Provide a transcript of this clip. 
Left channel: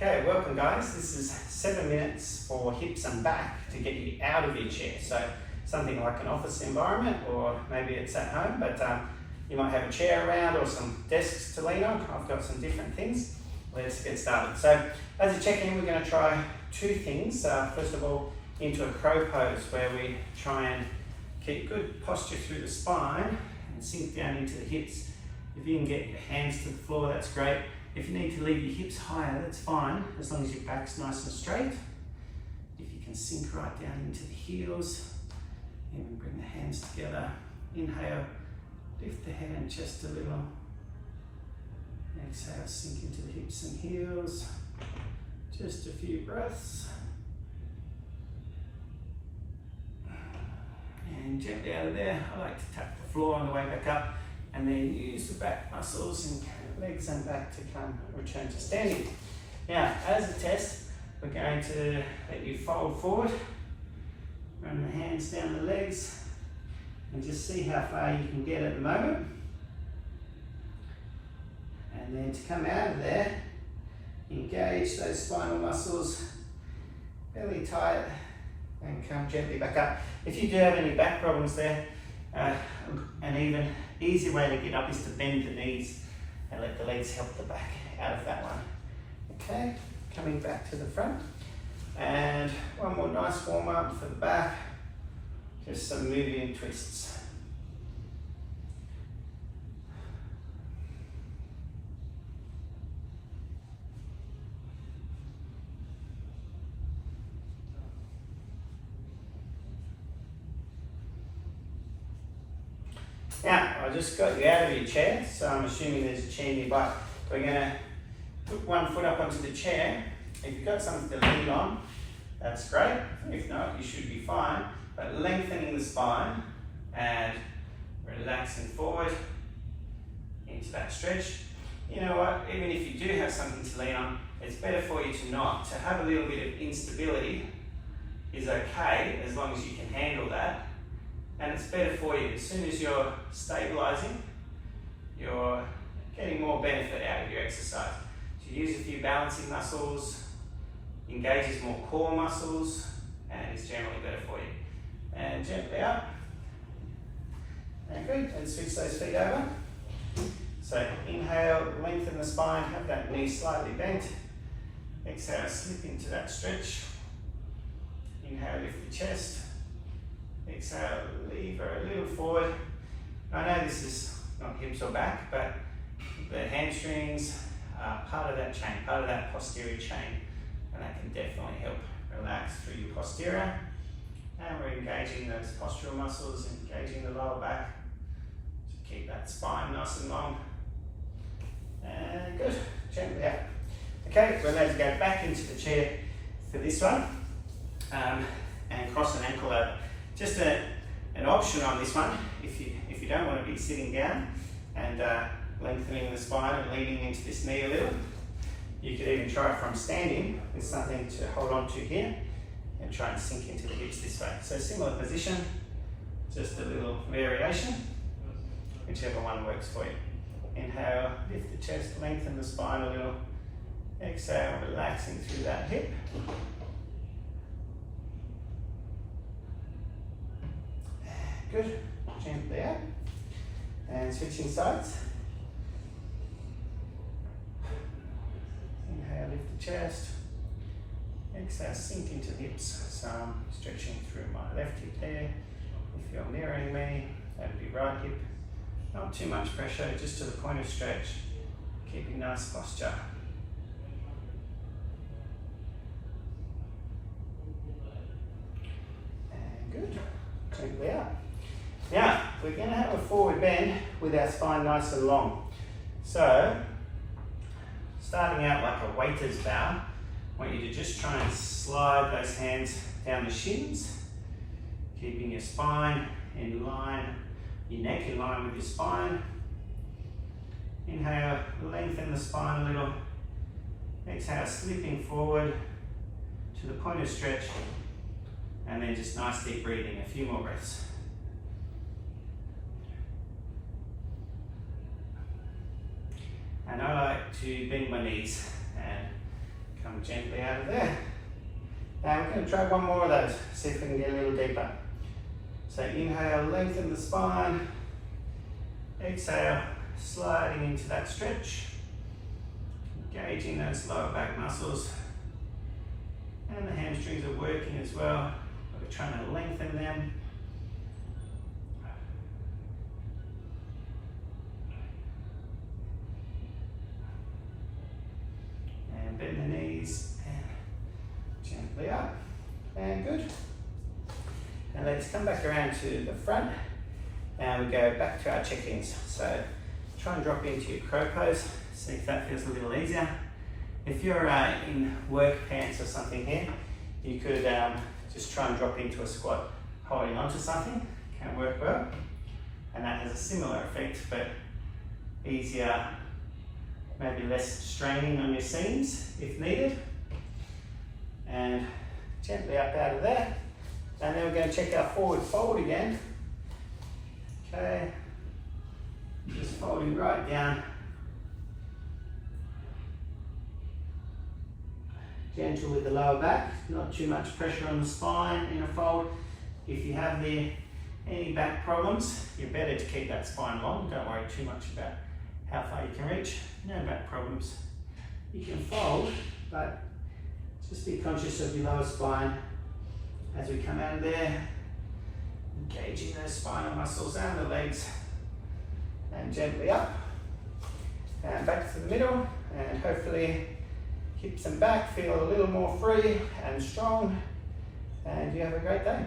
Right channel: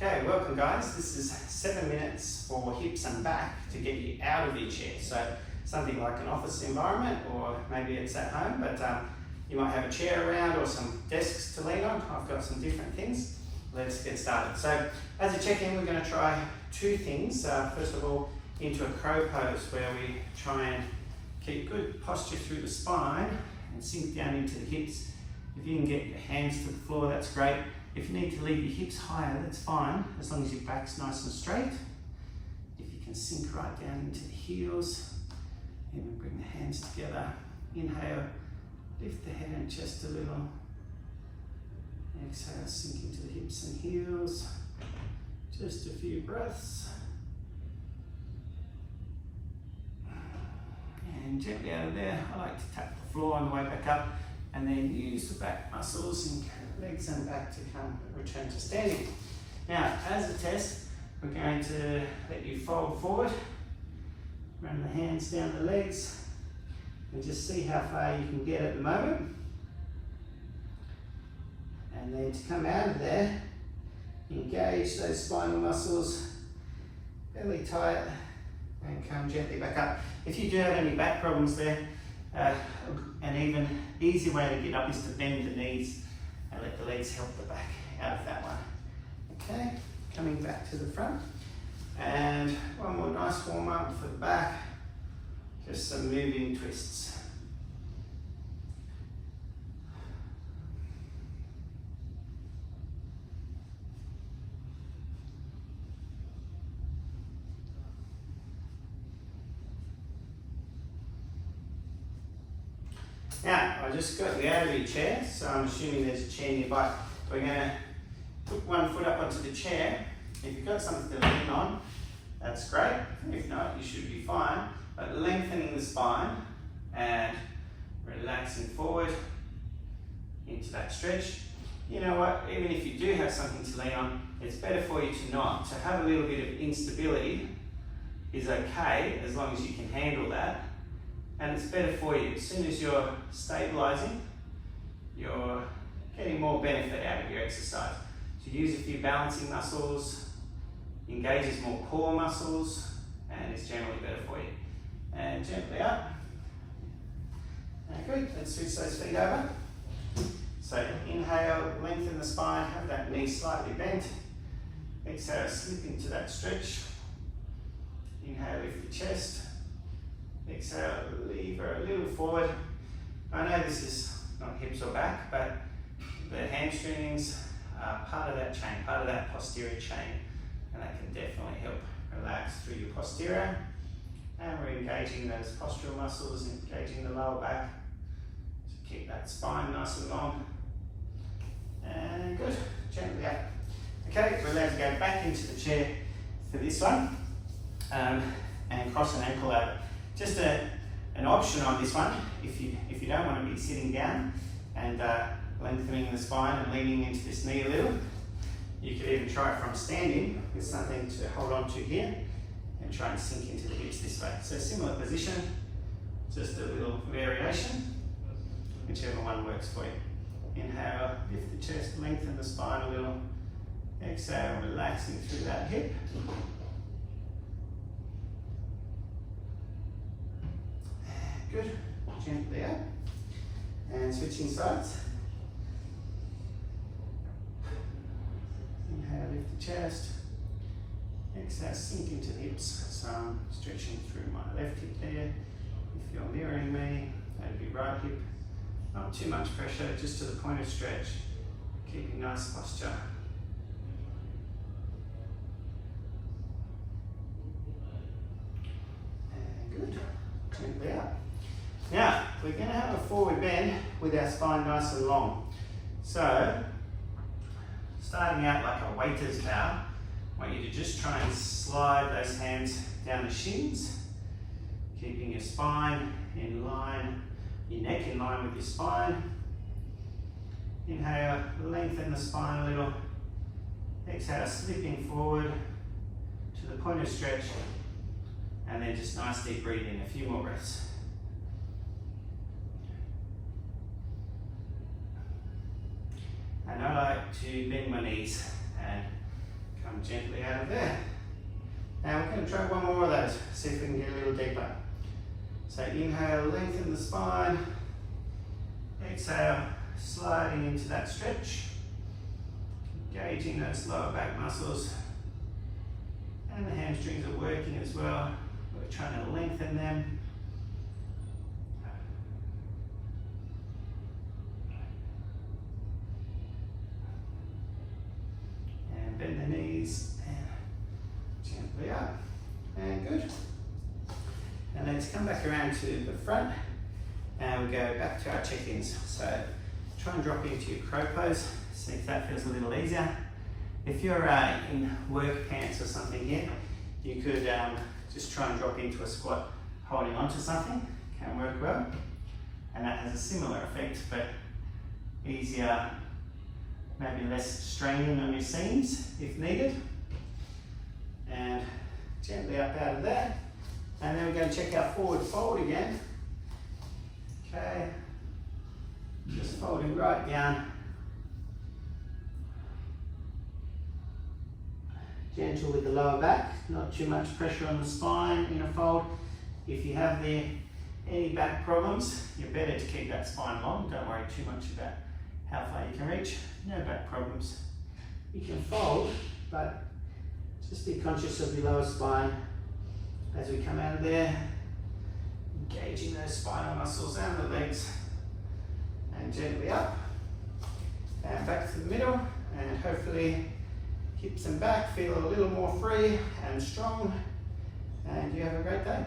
Okay, welcome guys. This is 7 minutes for hips and back to get you out of your chair. So something like an office environment, or maybe it's at home, but you might have a chair around or some desks to lean on. I've got some different things. Let's get started. So as a check-in, we're going to try two things. First of all, into a crow pose where we try and keep good posture through the spine and sink down into the hips. If you can get your hands to the floor, that's great. If you need to leave your hips higher, that's fine, as long as your back's nice and straight. If you can sink right down into the heels, even bring the hands together. Inhale, lift the head and chest a little. Exhale, sink into the hips and heels. Just a few breaths. And gently out of there, I like to tap the floor on the way back up, and then use the back muscles and legs and back to return to standing. Now, as a test, we're going to let you fold forward, run the hands down the legs, and just see how far you can get at the moment. And then to come out of there, engage those spinal muscles, belly tight, and come gently back up. If you do have any back problems there, an even easier way to get up is to bend the knees and let the legs help the back out of that one. Okay, coming back to the front. And one more nice warm up for the back. Just some moving twists. Now, I just got you out of your chair, so I'm assuming there's a chair nearby. We're going to put one foot up onto the chair. If you've got something to lean on, that's great. If not, you should be fine. But lengthening the spine and relaxing forward into that stretch. You know what, even if you do have something to lean on, it's better for you to not. To have a little bit of instability is okay, as long as you can handle that. And it's better for you. As soon as you're stabilizing, you're getting more benefit out of your exercise. So use a few balancing muscles, engages more core muscles, and it's generally better for you. And gently up. And good. And switch those feet over. So inhale, lengthen the spine, have that knee slightly bent. Exhale, slip into that stretch. Inhale, lift the chest. Exhale, lever a little forward. I know this is not hips or back, but the hamstrings are part of that chain, part of that posterior chain, and that can definitely help relax through your posterior. And we're engaging those postural muscles, engaging the lower back to keep that spine nice and long. And good, gently out. Okay, we're allowed to go back into the chair for this one, and cross an ankle over. Just an option on this one, if you don't want to be sitting down and lengthening the spine and leaning into this knee a little, you could even try it from standing with something to hold on to here and try and sink into the hips this way. So similar position, just a little variation, whichever one works for you. Inhale, lift the chest, lengthen the spine a little. Exhale, relaxing through that hip. Good, gently out, and switching sides. Inhale, lift the chest. Exhale, sink into the hips. So I'm stretching through my left hip there. If you're mirroring me, that'd be right hip. Not too much pressure, just to the point of stretch, keeping nice posture. And good, gently out. Now, we're going to have a forward bend with our spine nice and long. So, starting out like a waiter's bow, I want you to just try and slide those hands down the shins, keeping your spine in line, your neck in line with your spine. Inhale, lengthen the spine a little. Exhale, slipping forward to the point of stretch, and then just nice deep breathing, a few more breaths. And I like to bend my knees and come Come gently out of there. Now we're going to try one more of those, see if we can get a little deeper. So inhale, lengthen the spine. Exhale, sliding into that stretch. Engaging those lower back muscles. And the hamstrings are working as well. We're trying to lengthen them. And bend the knees. And gently up. And good. And let's come back around to the front. And we go back to our check-ins. So try and drop into your crow pose. See if that feels a little easier. If you're in work pants or something here, you could just try and drop into a squat holding onto something. Can work well. And that has a similar effect, but easier, maybe less straining on your seams if needed. And gently up out of there. And then we're going to check our forward fold again. Okay, just folding right down. Gentle with the lower back, not too much pressure on the spine in a fold. If you have any back problems, you're better to keep that spine long. Don't worry too much about how far you can reach. No back problems. You can fold, but just be conscious of your lower spine as we come out of there. Engaging those spinal muscles and the legs. And gently up. And back to the middle. And hopefully hips and back feel a little more free and strong. And you have a great day.